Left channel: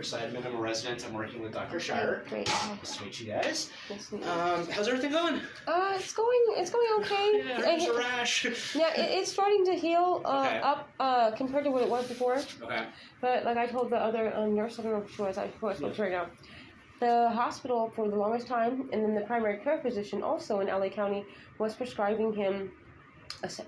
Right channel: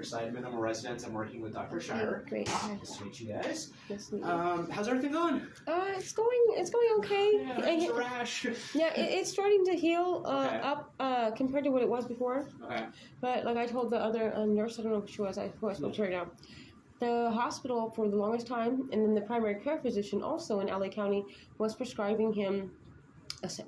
Dr. Seidemann. I'm a resident. I'm working with Dr. Shire. Great. Nice to meet you guys. Nice to meet you. How's everything going? It's going okay. Yeah, there's a rash. Yeah, it's starting to heal Okay. up compared to what it was before. Okay. But like I told the other nurse, I don't know who she was, I spoke to right now. The hospital for the longest time, and then the primary care physician also in LA County was prescribing him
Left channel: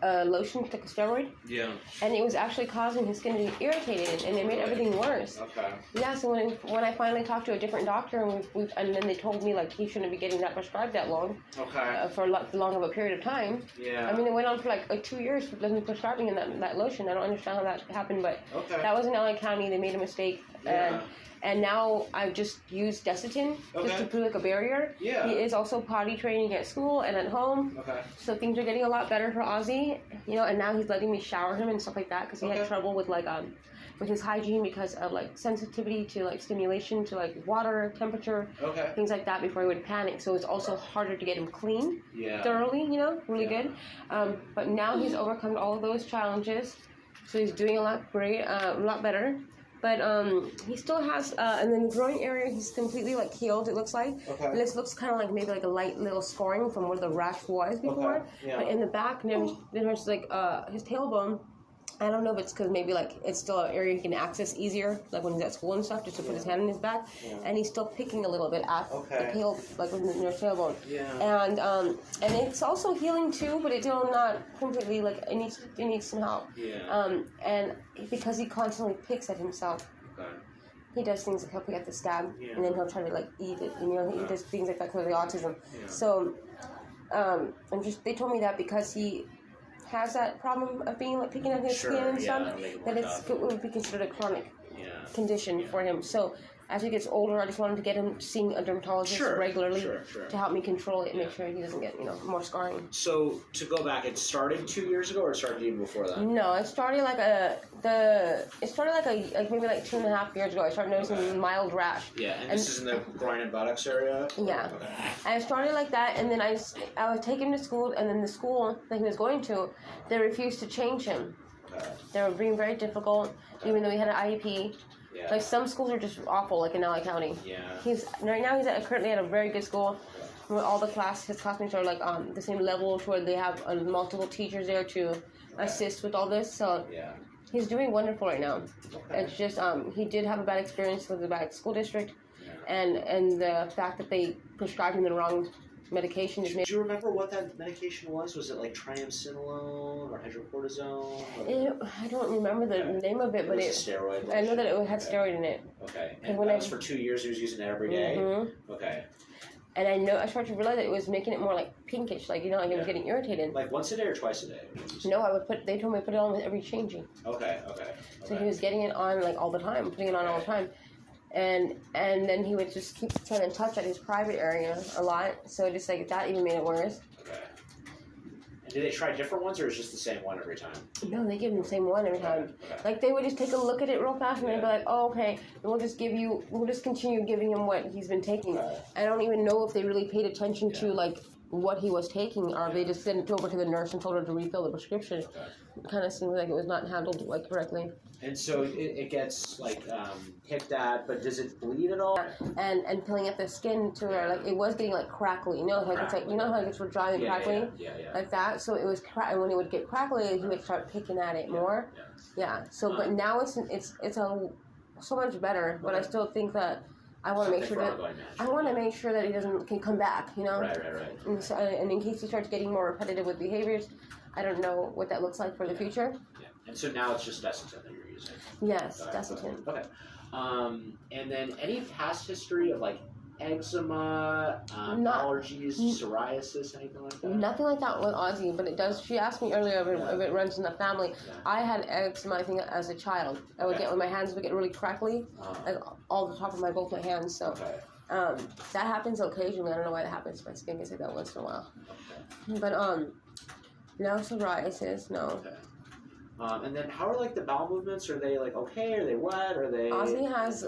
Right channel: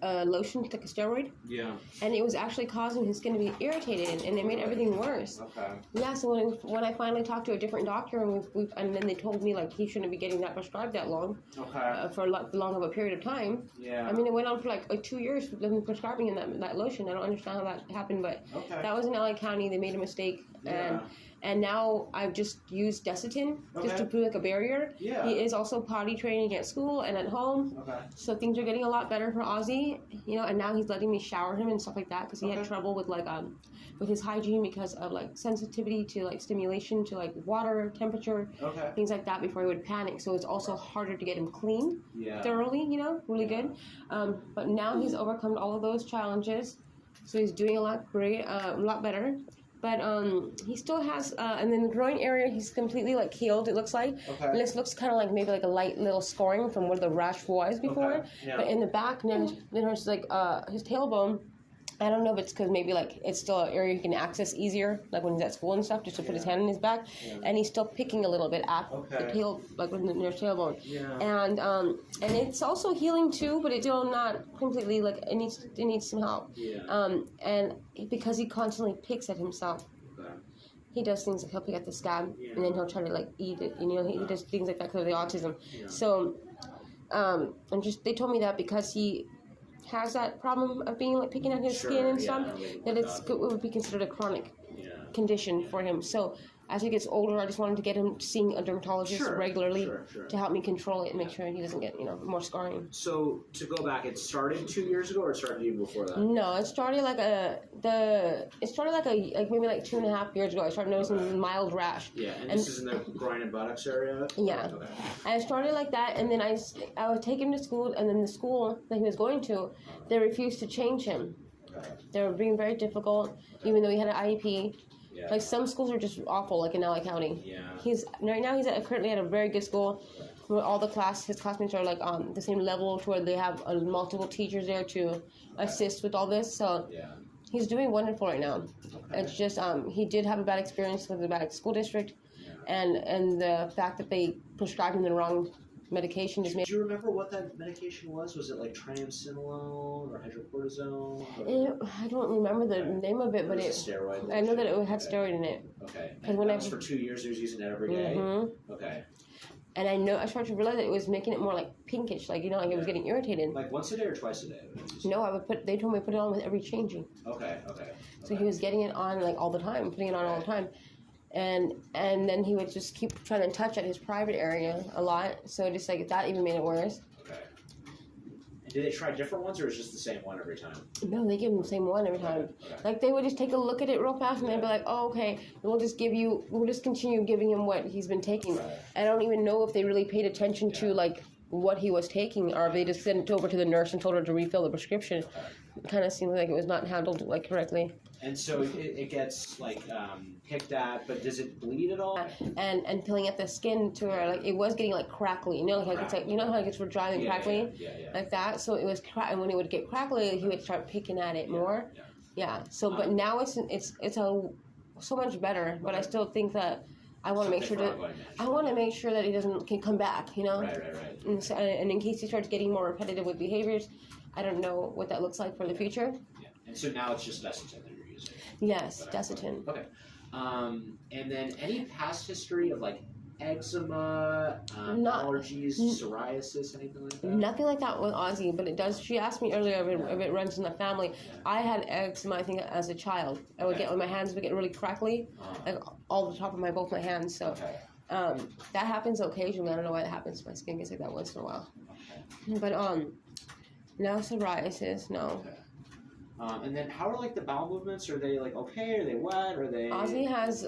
a lotion, like a steroid, Yeah. and it was actually causing his skin to be irritated, and it made everything worse. Okay. Yeah, so when I finally talked to a different doctor, and then they told me like he shouldn't be getting that prescribed that long, Okay. for long of a period of time. Yeah. I mean, it went on for like 2 years with them prescribing him that lotion. I don't understand how that happened, but Okay. that was in LA County. They made a mistake, Yeah. and now I've just used Desitin just to Okay. put like a barrier. Yeah. He is also potty training at school and at home. Okay. So things are getting a lot better for Ozzy, and now he's letting me shower him and stuff like that because he had Okay. trouble with with his hygiene because of like sensitivity to like stimulation to like water temperature, Okay. things like that before he would panic. So it's also harder to get him clean Yeah. thoroughly, really good. But now he's overcome all of those challenges, so he's doing a lot better. But he still has, and then the groin area, he's completely like healed. It looks like. Okay. This looks kind of like maybe like a light little scoring from where the rash was before. Okay. Yeah. But in the back, there's like his tailbone. I don't know if it's because maybe like it's still an area he can access easier, like when he's at school and stuff, just to put his hand in his back, and he's still picking a little bit at the tail, like near tailbone. Yeah. And it's also healing too, but it's still not completely like it needs some help. Yeah. And because he constantly picks at himself. Okay. He does things like he'll pick at the scab, Yeah. and then he'll try to like eat it. He does things like that because of the autism. Yeah. So, they told me that because he has that problem of being like picking at his skin and stuff, that it would be considered a chronic condition for him. So as he gets older, I just wanted to get him seeing a dermatologist regularly to help me control it and make sure he doesn't get more scarring. So to go back, it started 2 years ago, or it started even before that? No, it started like maybe like 2.5 years ago. I started noticing mild rash. Yeah, and this is in the groin and buttocks area? Yeah. Okay. I started like that, and then I would take him to school, and then the school that he was going to, they refused to change him. Okay. They were being very difficult, even though he had an IEP. Yeah. Like some schools are just awful, like in LA County. Yeah. Right now he's currently at a very good school, where all his classmates are like on the same level, where they have multiple teachers there to assist with all this. So he's doing wonderful right now. Okay. It's just he did have a bad experience with the bad school district, and the fact that they prescribed him the wrong medication just made. Do you remember what that medication was? Was it like triamcinolone or hydrocortisone? I don't remember the name of it, but it was a steroid. I know that it had steroid in it. Okay. And And when that I- was for 2 years. He was using it every day? Mm-hmm. Okay. And I started to realize that it was making it more like pinkish, like it was getting irritated. Like once a day or twice a day? No, they told me to put it on with every changing. Okay. So he was getting it on like all the time, putting it on all the time. And then he would just keep trying to touch at his private area a lot. So just like that even made it worse. Okay. And did they try different ones, or is it just the same one every time? No, they give him the same one every time. Okay. Like they would just take a look at it real fast and they'd be like, "Oh, okay, we'll just continue giving him what he's been taking." Right. I don't even know if they really paid attention to like what he was taking, or if they just sent it over to the nurse and told her to refill the prescription. Okay. It kind of seemed like it was not handled like correctly. And so it gets like picked at, but does it bleed at all? And peeling at the skin to where like it was getting like crackly, like it's like how it gets dry and crackly, like that. So it was and when it would get crackly, he would start picking at it more. Yeah. So but now it's so much better, but I still think that I want to make sure that he can come back, Right. And, so, and in case he starts getting more repetitive with behaviors, I don't know what that looks like for the future. Yeah. And so now it's just Desitin that you're using. Yes, Desitin. Okay. And then any past history of like eczema, allergies, psoriasis, anything like that? Nothing like that with Ozzy, but it does. She asked me earlier if it runs in the family. Yeah. I had eczema, I think, as a child. I would get when my hands would get really crackly, like all the top of both my hands. So that happens occasionally. I don't know why that happens. My skin gets like that once in a while. Okay. But no psoriasis, no. Okay. And then how are like the bowel movements? Are they like okay? Are they wet? Are they? Ozzy has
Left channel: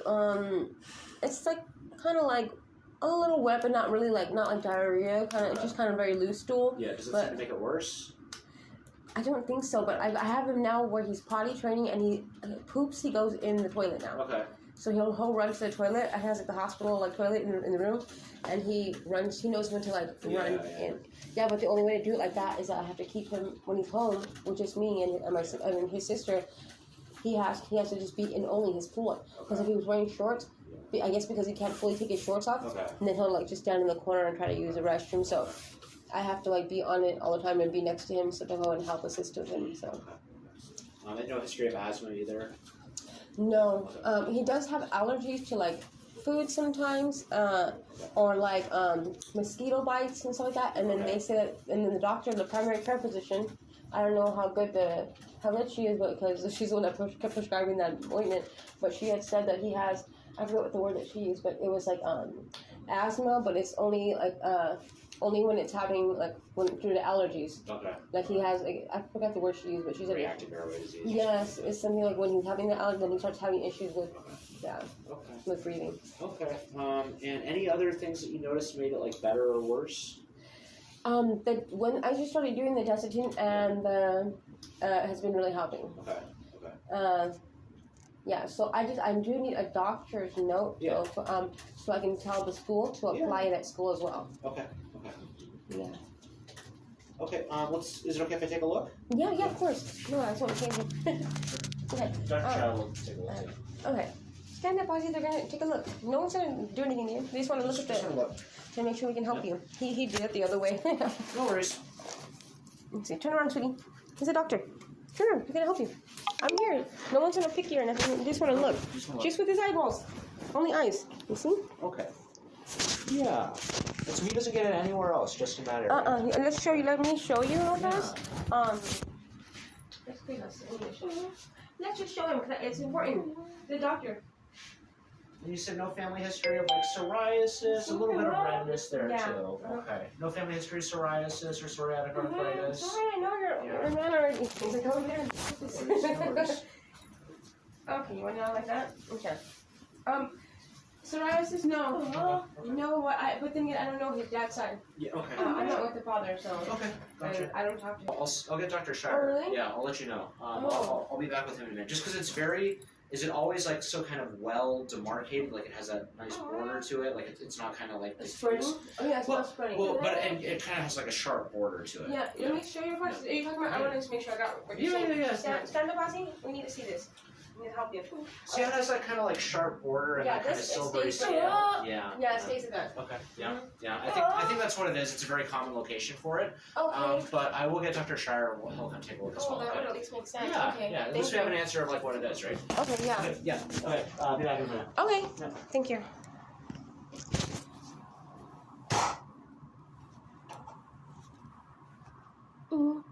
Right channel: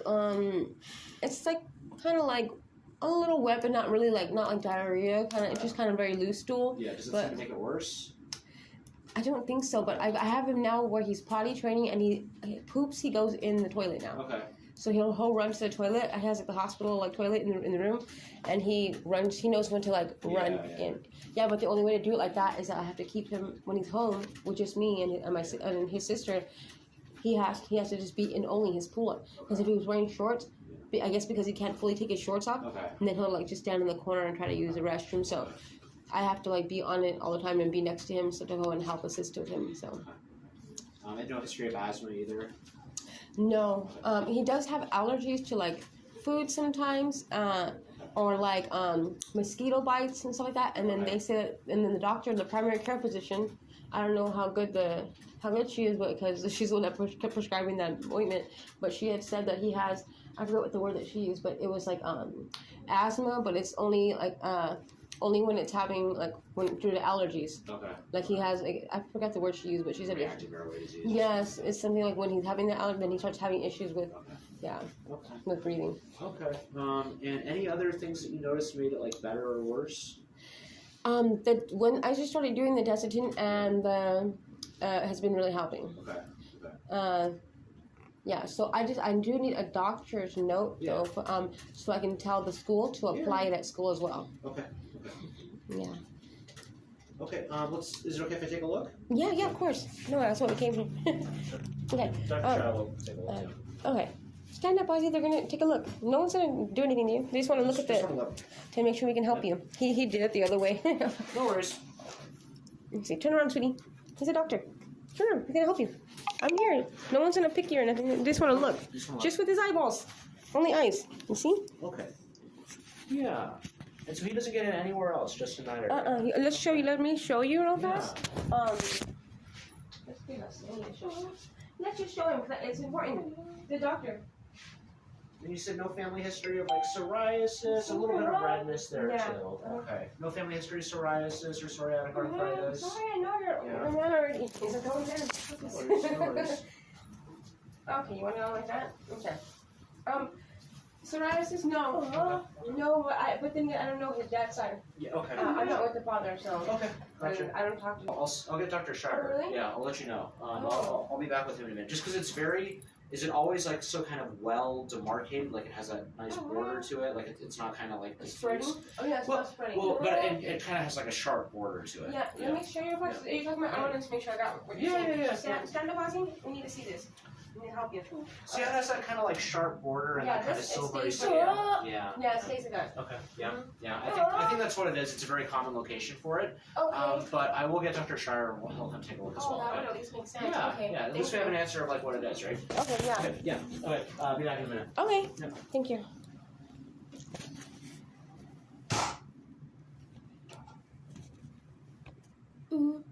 it's like kind of like a little wet, but not really not like diarrhea. Just kind of very loose stool. Yeah. Does it seem to make it worse? I don't think so, but I have him now where he's potty training and he poops. He goes in the toilet now. Okay. So he'll run to the toilet. He has like the hospital like toilet in the room, and he runs. He knows when to like run in. Yeah, but the only way to do it like that is that I have to keep him when he's home with just me and his sister. He has to just be in only his pull-up, because if he was wearing shorts, I guess because he can't fully take his shorts off, and then he'll like just stand in the corner and try to use the restroom. So I have to like be on it all the time and be next to him, so to go and help assist with him. So. And no history of asthma either. No, he does have allergies to like food sometimes, or like mosquito bites and stuff like that. And then they say that, and then the doctor, the primary care physician, I don't know how good she is, but because she's the one that kept prescribing that ointment, but she had said that he has, I forget what the word that she used, but it was like asthma, but it's only like only when it's having like due to allergies. Okay. Like he has, like, I forgot the word she used, but she said reactive airway disease. Yes, it's something like when he's having the allergy, then he starts having issues with, with breathing. Okay. And any other things that you noticed made it like better or worse? When I just started doing the Desitin, and has been really helping. Okay. Yeah, so I do need a doctor's note though, so I can tell the school to apply it at school as well. Okay. Yeah. Okay. Is it okay if I take a look? Yeah, of course. No, that's what we came here. Okay. Dr. Child will take a look. Okay. Stand up, Ozzy. They're gonna take a look. No one's gonna do anything to you. They just want to look to make sure we can help you. He did it the other way. No worries. Let's see. Turn around, sweetie. He's a doctor. Turn around. We're gonna help you. I'm here. No one's gonna pick you or nothing. They just want to look. Just with his eyeballs. Only eyes. You see? Okay. Yeah. And so he doesn't get it anywhere else, just in that area. Let's show you. Let me show you real fast. Let's just show him, because it's important. The doctor. And you said no family history of like psoriasis, a little bit of redness there too. Okay. No family history of psoriasis or psoriatic arthritis. Sorry, no, you're man already. Okay, you want to know like that? Okay. Psoriasis, no. No, but then again, I don't know his dad's side. Yeah, okay. I'm not with the father, so. Okay, gotcha. I don't talk to him. I'll get Dr. Schreiber. Oh, really? Yeah, I'll let you know. I'll be back with him in a minute. Just because it's very, is it always like so kind of well demarcated? Like it has a nice border to it? Like it's not kind of like spreading? Oh, yeah, it's not spreading. Well, but it kind of has like a sharp border to it. Yeah, let me show you what you're talking about. I want to make sure I got what you're saying. Yeah. Stand up, Ozzy. We need to see this. We need to help you. See how it has that kind of like sharp border and that kind of silvery skin? Yeah, it stays like that. Okay, yeah. I think that's what it is. It's a very common location for it. Okay. But I will get Dr. Schreier. He'll come take a look as well. That would at least make sense. Yeah, okay. yeah. At least we have an answer of like what it is, right? Okay, yeah. Okay, yeah. Okay, be back in a minute. Okay. Yeah. Thank you. Ooh.